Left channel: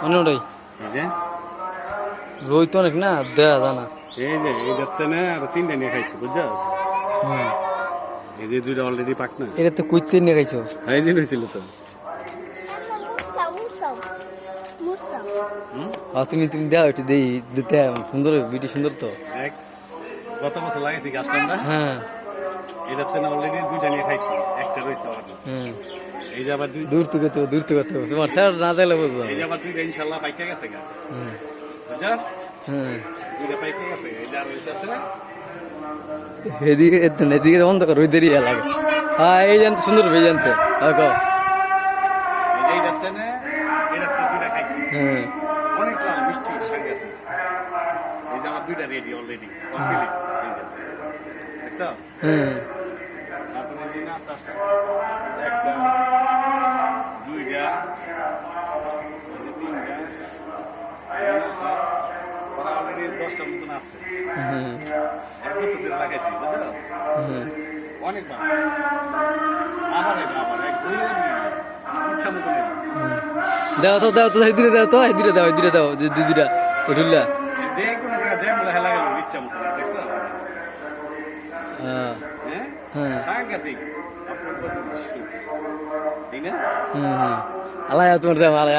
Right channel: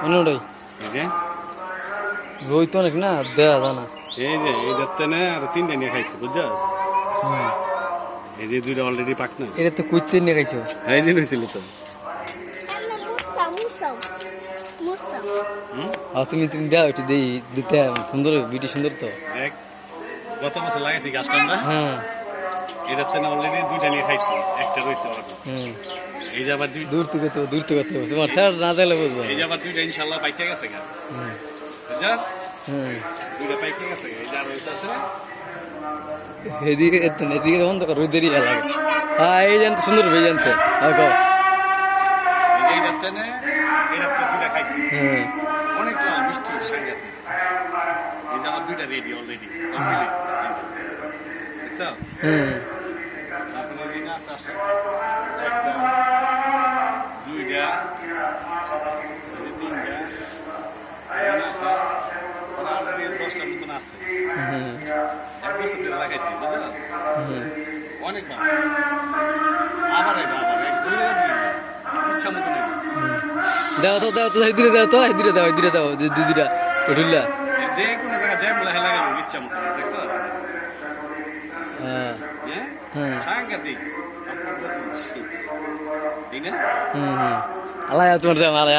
মানে ওটাই এই যে রই তো অনেক না দেয়া জানা। এই যে এই দেখতে না আর তিনটা নিয়ে খাইছি বুঝছস। এই যে দুইটা অলরেডি পাক না। এটা তো কুইতে নিয়ে খাইছো। এই যে হয়েছিল তো। তুমি তুমি দাও একটু দেই দিতে সুন্দর বিটি সুন্দর তো। এক গত বছর লাগাইছি গাছটা আমরা। হ্যাঁ এটাতে না অলরেডি দুইটা নিয়ে খাইছি, একটা রয়েছে অলরেডি। এই যে আবার দূর থেকে তোমার স্যার না দিলে বুঝবো। এই যে আবার দুইটা ইনশাআল্লাহ পাইকে গেছে গা। বুঝছস? দুইটা পাইকে গেছে, এই যে আর হইতাছে না। এদিকে বন্ধ কর, ওই দেরি লাগে। হ্যাঁ এই জানতে সুন্দর ভাই জানতে হ্যাঁ কো। এই যে এইটাতে না এইটাতে দুইটা খাইছি। অনেক লাল মিষ্টি সাংঘাতিক। এই যে আমার দুইটা রেডি অলরেডি কমপ্লিট। এই যে দেখছো? তারপরে এই না আসছে একটা দুইটা এই যে তিনটা এই যে আছে ওরা অলরেডি 10টার মতন আছে। এক বছর ধরে লাগাইছি বুঝছস? অনেক ভালো। আবার এটা আবার এক দুই ইচ্ছা মতো নেব। দাও তো এই দিরে দাও দিদিরা উঠুল্লা যে কোনো জায়গা জ্যাম লাগে লাগালো ইচ্ছা মতো দেখছো? হ্যাঁ সাংঘাতিক আপনার কথা তাই না? আলায়া তোমার দাম আলায়া